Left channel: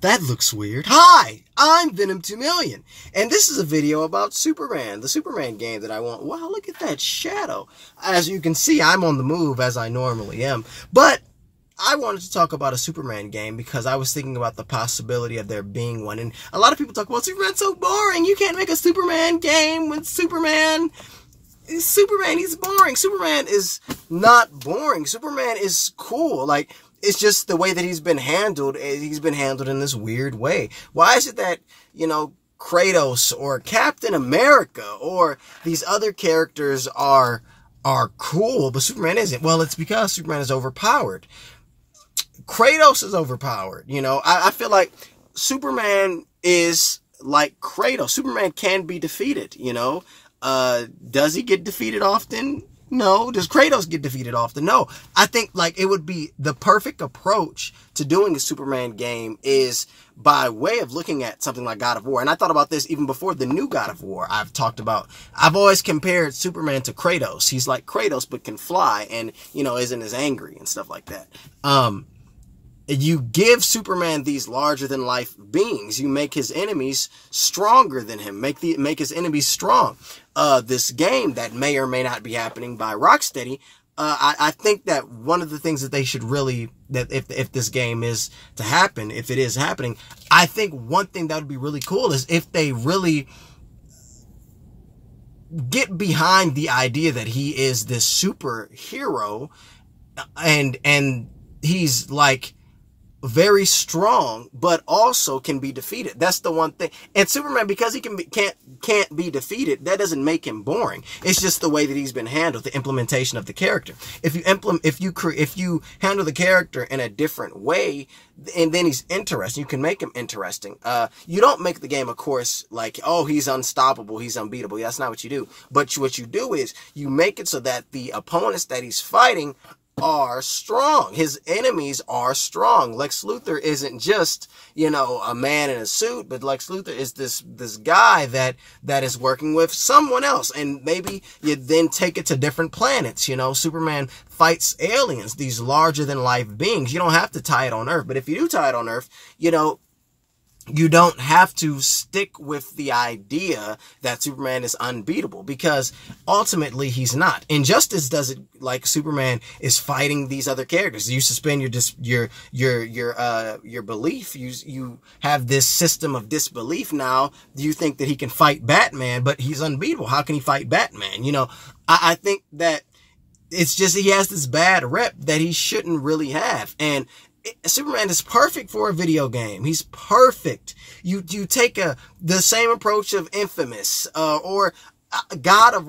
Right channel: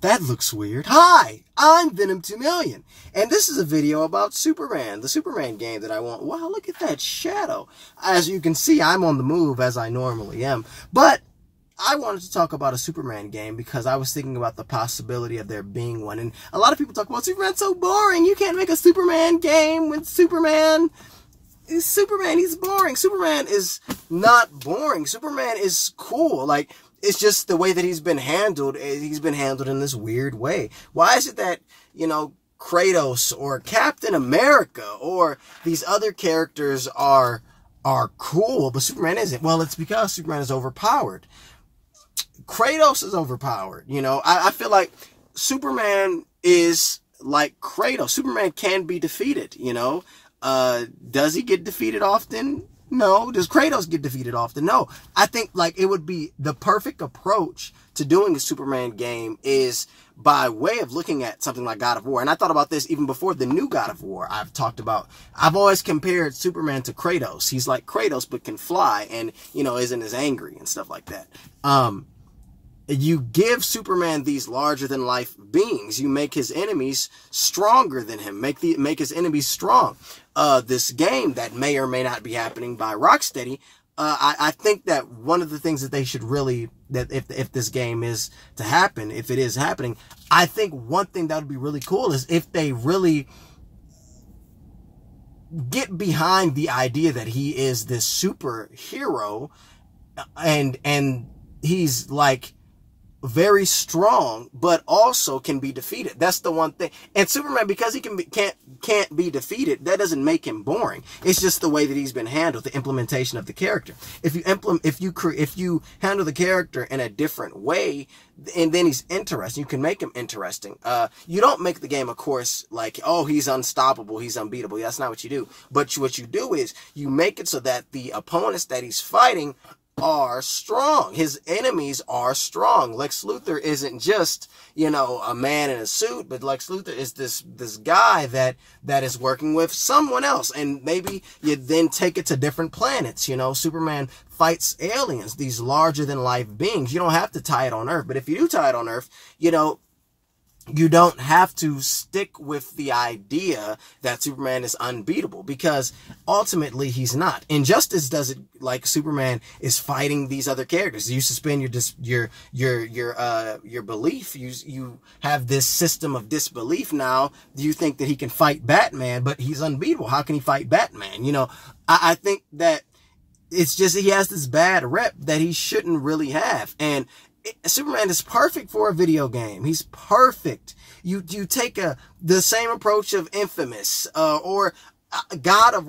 That looks weird. Hi, I'm Venom 2 Million, and this is a video about Superman, the Superman game that I want. Wow, look at that shadow. As you can see, I'm on the move as I normally am, but I wanted to talk about a Superman game because I was thinking about the possibility of there being one, and a lot of people talk about Superman's so boring. You can't make a Superman game with Superman. He's boring. Superman is not boring. Superman is cool. Like, it's just the way that he's been handled. He's been handled in this weird way. Why is it that, you know, Kratos or Captain America or these other characters are cool, but Superman isn't? Well, it's because Superman is overpowered. Kratos is overpowered. You know, I feel like Superman is like Kratos. Superman can be defeated, you know. Does he get defeated often? No. Does Kratos get defeated often? No. I think, like, it would be the perfect approach to doing a Superman game is by way of looking at something like God of War. And I thought about this even before the new God of War. I've always compared Superman to Kratos. He's like Kratos, but can fly and, you know, isn't as angry and stuff like that. You give Superman these larger-than-life beings. You make his enemies stronger than him. Make his enemies strong. This game that may or may not be happening by Rocksteady, I think that one of the things that they should really, that if this game is to happen, if it is happening, I think one thing that would be really cool is if they really get behind the idea that he is this superhero and he's like very strong, but also can be defeated. That's the one thing. And Superman, because he can't be defeated, that doesn't make him boring. It's just the way that he's been handled, the implementation of the character. If you handle the character in a different way, and then he's interesting, you can make him interesting. You don't make the game, of course, like, oh, he's unstoppable, he's unbeatable. That's not what you do. But what you do is you make it so that the opponents that he's fighting are strong. His enemies are strong. Lex Luthor isn't just, you know, a man in a suit, but Lex Luthor is this guy that is working with someone else. And maybe you then take it to different planets. You know, Superman fights aliens, these larger than life beings. You don't have to tie it on Earth, but if you do tie it on Earth, you know, you don't have to stick with the idea that Superman is unbeatable, because ultimately he's not. Injustice does it like Superman is fighting these other characters. You suspend your belief. You have this system of disbelief now. You think that he can fight Batman, but he's unbeatable. How can he fight Batman? You know, I think that it's just he has this bad rep that he shouldn't really have. And Superman is perfect for a video game. He's perfect. You take the same approach of Infamous, or God of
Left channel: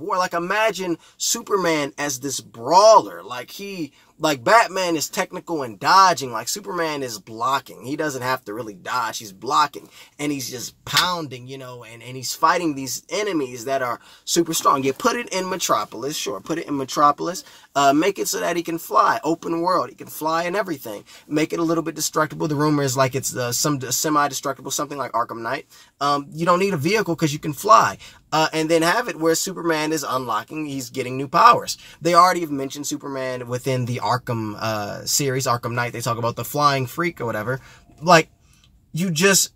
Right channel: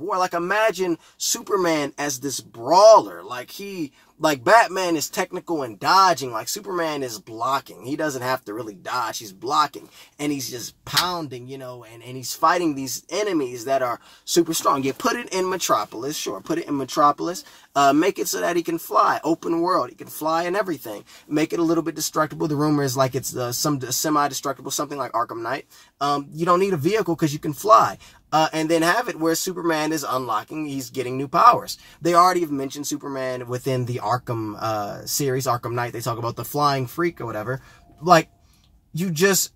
War. Like, imagine Superman as this brawler. Like Batman is technical and dodging. Like, Superman is blocking. He doesn't have to really dodge. He's blocking. And he's just pounding, you know, and he's fighting these enemies that are super strong. You put it in Metropolis, sure. Put it in Metropolis. Make it so that he can fly. Open world. He can fly and everything. Make it a little bit destructible. The rumor is like it's some semi-destructible, something like Arkham Knight. You don't need a vehicle because you can fly. And then have it where Superman is unlocking, he's getting new powers. They already have mentioned Superman within the Arkham series, Arkham Knight. They talk about the flying freak or whatever. Like, you just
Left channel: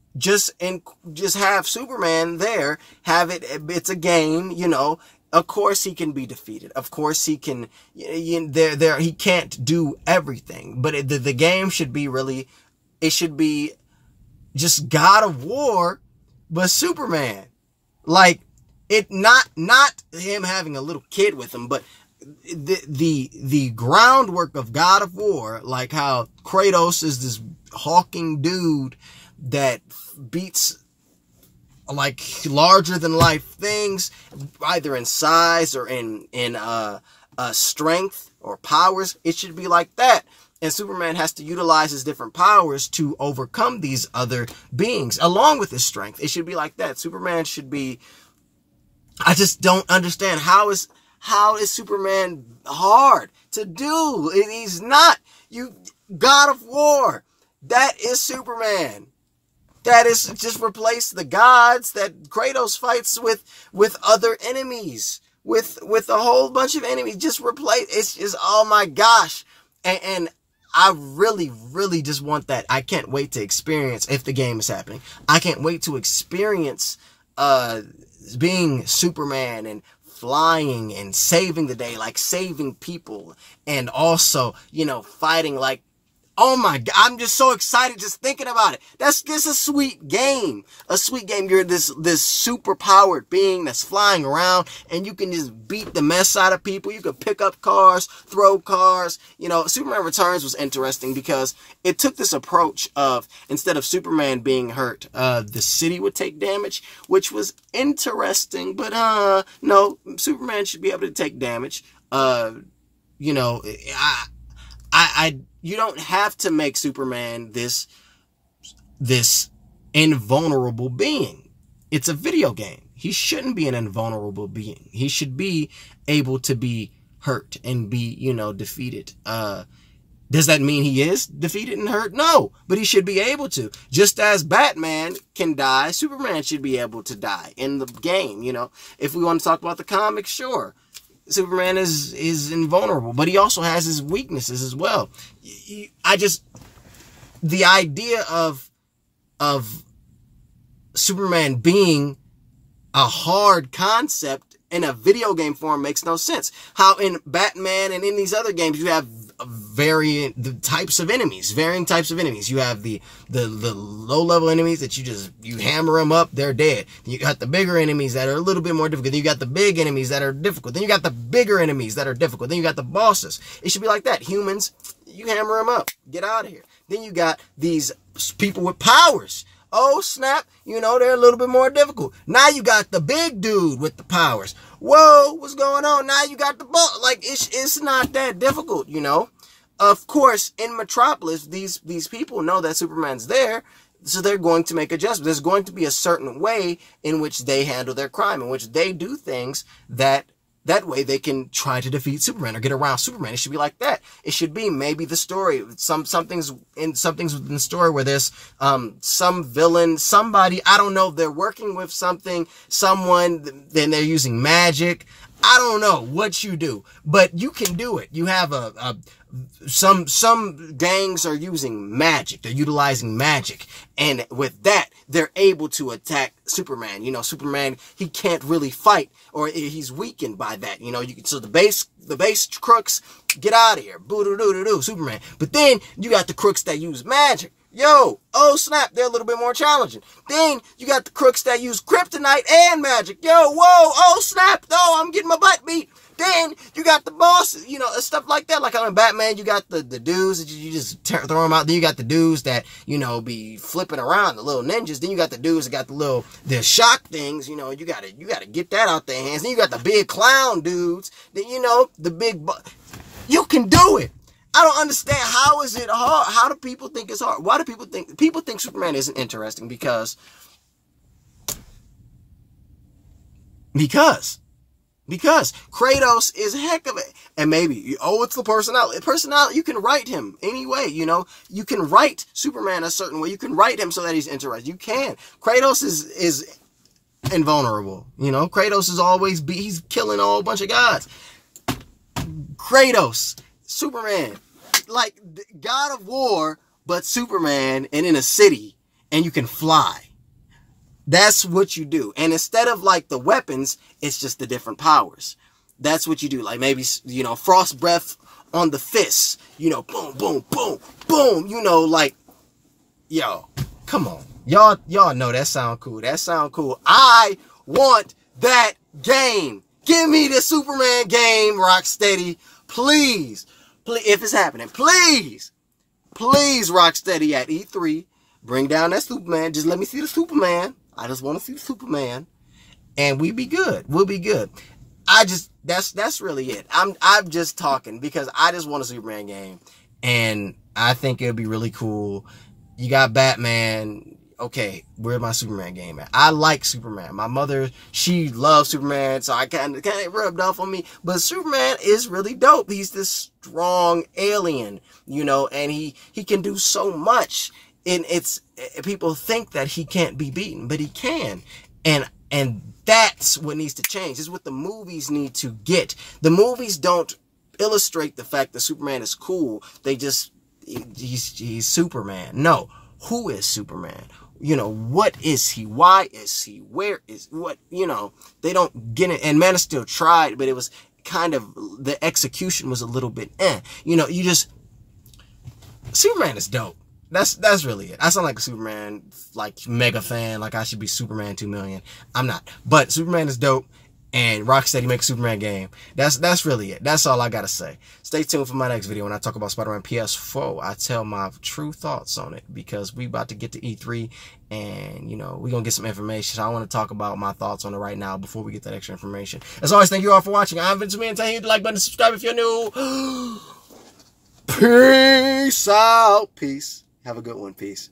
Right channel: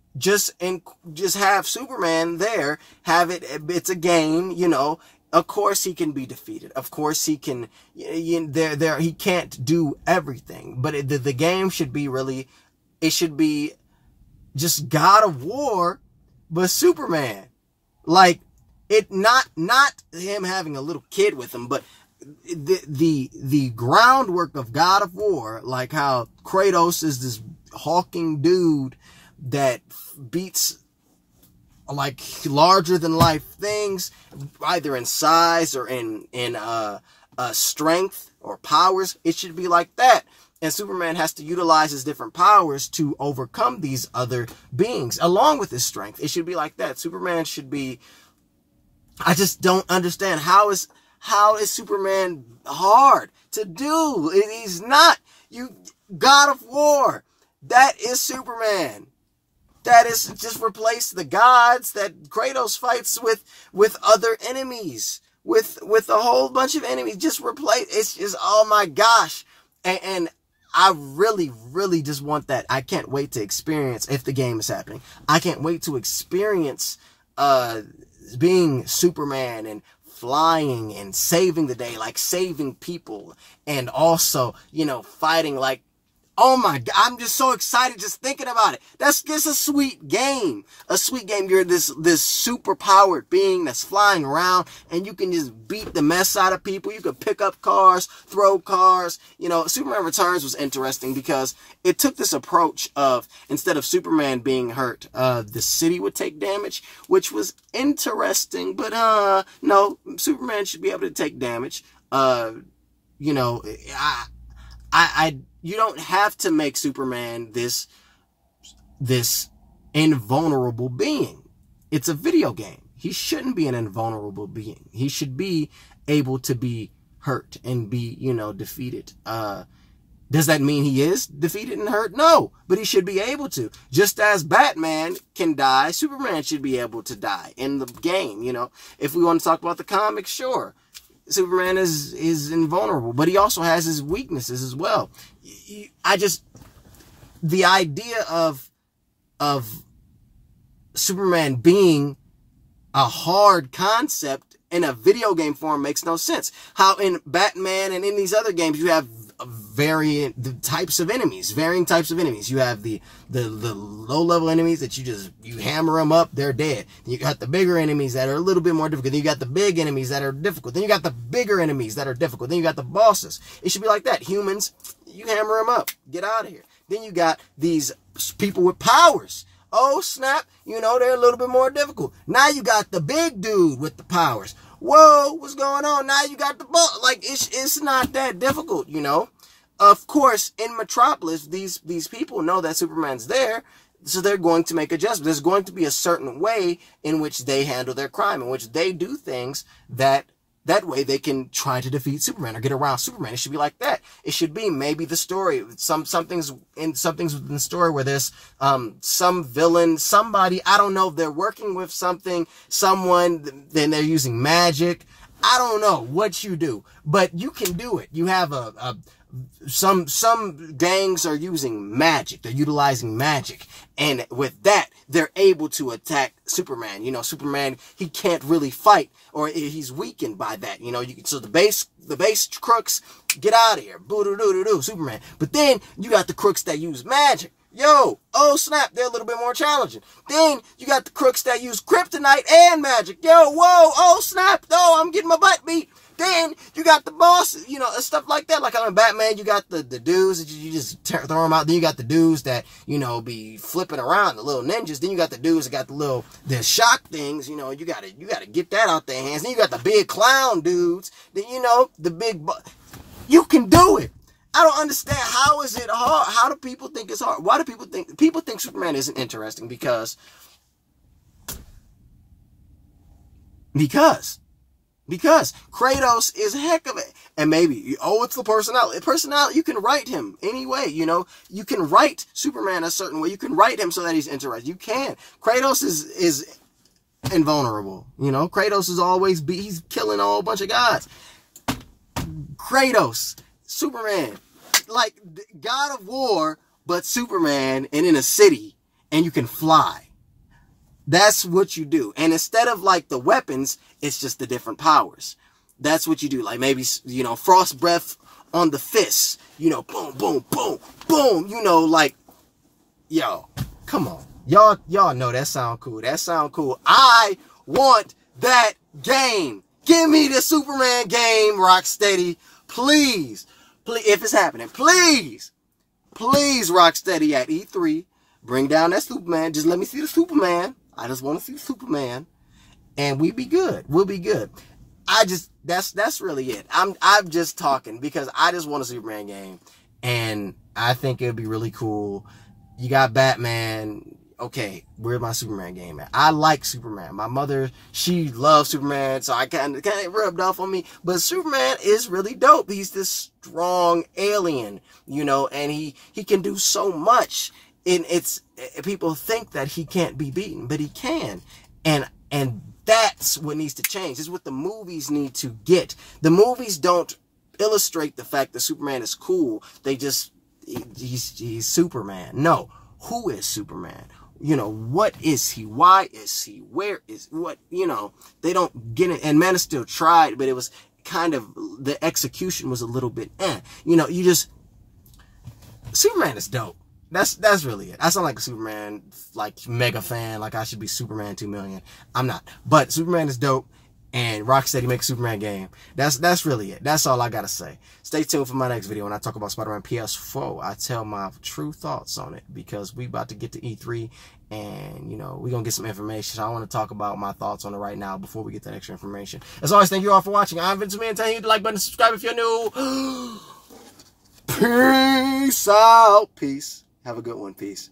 have Superman there, have it, it's a game, you know. Of course he can be defeated. Of course he can, he can't do everything. But the game should be really, it should be just God of War, but Superman. Like, it not him having a little kid with him, but the groundwork of God of War, like how Kratos is this hulking dude that beats like larger than life things, either in size or in strength or powers. It should be like that. And Superman has to utilize his different powers to overcome these other beings along with his strength. It should be like that. Superman should be, I just don't understand how is Superman hard to do? He's not. God of War, that is Superman. That is, just replace the gods that Kratos fights with other enemies, with a whole bunch of enemies. Just replace. It's just, oh my gosh. And I really, really just want that. I can't wait to experience, if the game is happening, I can't wait to experience being Superman and flying and saving the day, like saving people, and also, you know, fighting like, oh my God, I'm just so excited just thinking about it. That's a sweet game. A sweet game. You're this super powered being that's flying around, and you can just beat the mess out of people. You can pick up cars, throw cars. You know, Superman Returns was interesting because it took this approach of, instead of Superman being hurt, the city would take damage, which was interesting. But no, Superman should be able to take damage. You know, you don't have to make Superman this invulnerable being. It's a video game. He shouldn't be an invulnerable being. He should be able to be hurt and be, you know, defeated. Does that mean he is defeated and hurt? No, but he should be able to. Just as Batman can die, Superman should be able to die in the game, you know. If we want to talk about the comics, sure. Superman is invulnerable, but he also has his weaknesses as well. The idea of Superman being a hard concept in a video game form makes no sense. How in Batman and in these other games you have varying types of enemies. You have the low level enemies that you hammer them up, they're dead. Then you got the bigger enemies that are a little bit more difficult. Then you got the big enemies that are difficult. Then you got the bigger enemies that are difficult. Then you got the bosses. It should be like that. Humans, you hammer them up, get out of here. Then you got these people with powers. Oh snap, you know, they're a little bit more difficult. Now you got the big dude with the powers. Whoa, what's going on? Now you got the boss. Like, it's not that difficult, you know. Of course, in Metropolis, these people know that Superman's there, so they're going to make adjustments. There's going to be a certain way in which they handle their crime, in which they do things that way they can try to defeat Superman or get around Superman. It should be like that. It should be maybe the story. Something's within the story where there's some villain, somebody, I don't know, they're working with someone, then they're using magic. I don't know what you do, but you can do it. You have some gangs are using magic. They're utilizing magic. And with that, they're able to attack Superman. You know, Superman, he can't really fight, or he's weakened by that. You know, so the base crooks, get out of here. Boo-doo-doo-doo-doo, Superman. But then you got the crooks that use magic. Yo, oh snap, they're a little bit more challenging. Then you got the crooks that use kryptonite and magic. Yo, whoa, oh snap, oh, I'm getting my butt beat. Then you got the bosses, you know, stuff like that. Like on Batman, you got the dudes that you just throw them out. Then you got the dudes that, you know, be flipping around, the little ninjas. Then you got the dudes that got the shock things. You know, you gotta get that out their hands. Then you got the big clown dudes. Then, you know, the big, you can do it. I don't understand. How is it hard? How do people think it's hard? Why do people think Superman isn't interesting? Because Kratos is a heck of it. And maybe, oh, it's the personality. Personality, you can write him any way, you know. You can write Superman a certain way. You can write him so that he's interesting. You can. Kratos is invulnerable, you know. Kratos is always he's killing a whole bunch of guys. Kratos, Superman, like God of War, but Superman and in a city, and you can fly. That's what you do. And instead of like the weapons, it's just the different powers. That's what you do. Like maybe, you know, frost breath on the fists, you know, boom, boom, boom, boom, you know, like, yo, come on. Y'all know that sound cool. That sound cool. I want that game. Give me the Superman game, Rocksteady. Please, if it's happening, please, Rocksteady at E3, bring down that Superman. Just let me see the Superman. I just want to see the Superman, and we'll be good. We'll be good. That's really it. I'm just talking because I just want a Superman game, and I think it'll be really cool. You got Batman. Okay, where's my Superman game at? I like Superman. My mother, she loves Superman, so I kind of rubbed off on me. But Superman is really dope. He's this strong alien, you know, and he can do so much. And people think that he can't be beaten, but he can. And that's what needs to change. This is what the movies need to get. The movies don't illustrate the fact that Superman is cool. he's Superman. No, who is Superman? You know, what is he? Why is he? Where is what? You know, they don't get it. And Man of Steel tried, but it was kind of, the execution was a little bit You know, you just, Superman is dope. That's really it. I sound like a Superman, like, mega fan, like I should be Superman 2 million. I'm not. But Superman is dope, and Rocksteady makes a Superman game. That's really it. That's all I gotta say. Stay tuned for my next video when I talk about Spider-Man PS4. I tell my true thoughts on it, because we about to get to E3, and, you know, we're gonna get some information. So I want to talk about my thoughts on it right now before we get that extra information. As always, thank you all for watching. I'm Vince Man, telling you to like button, subscribe if you're new. Peace out. Peace. Have a good one. Peace.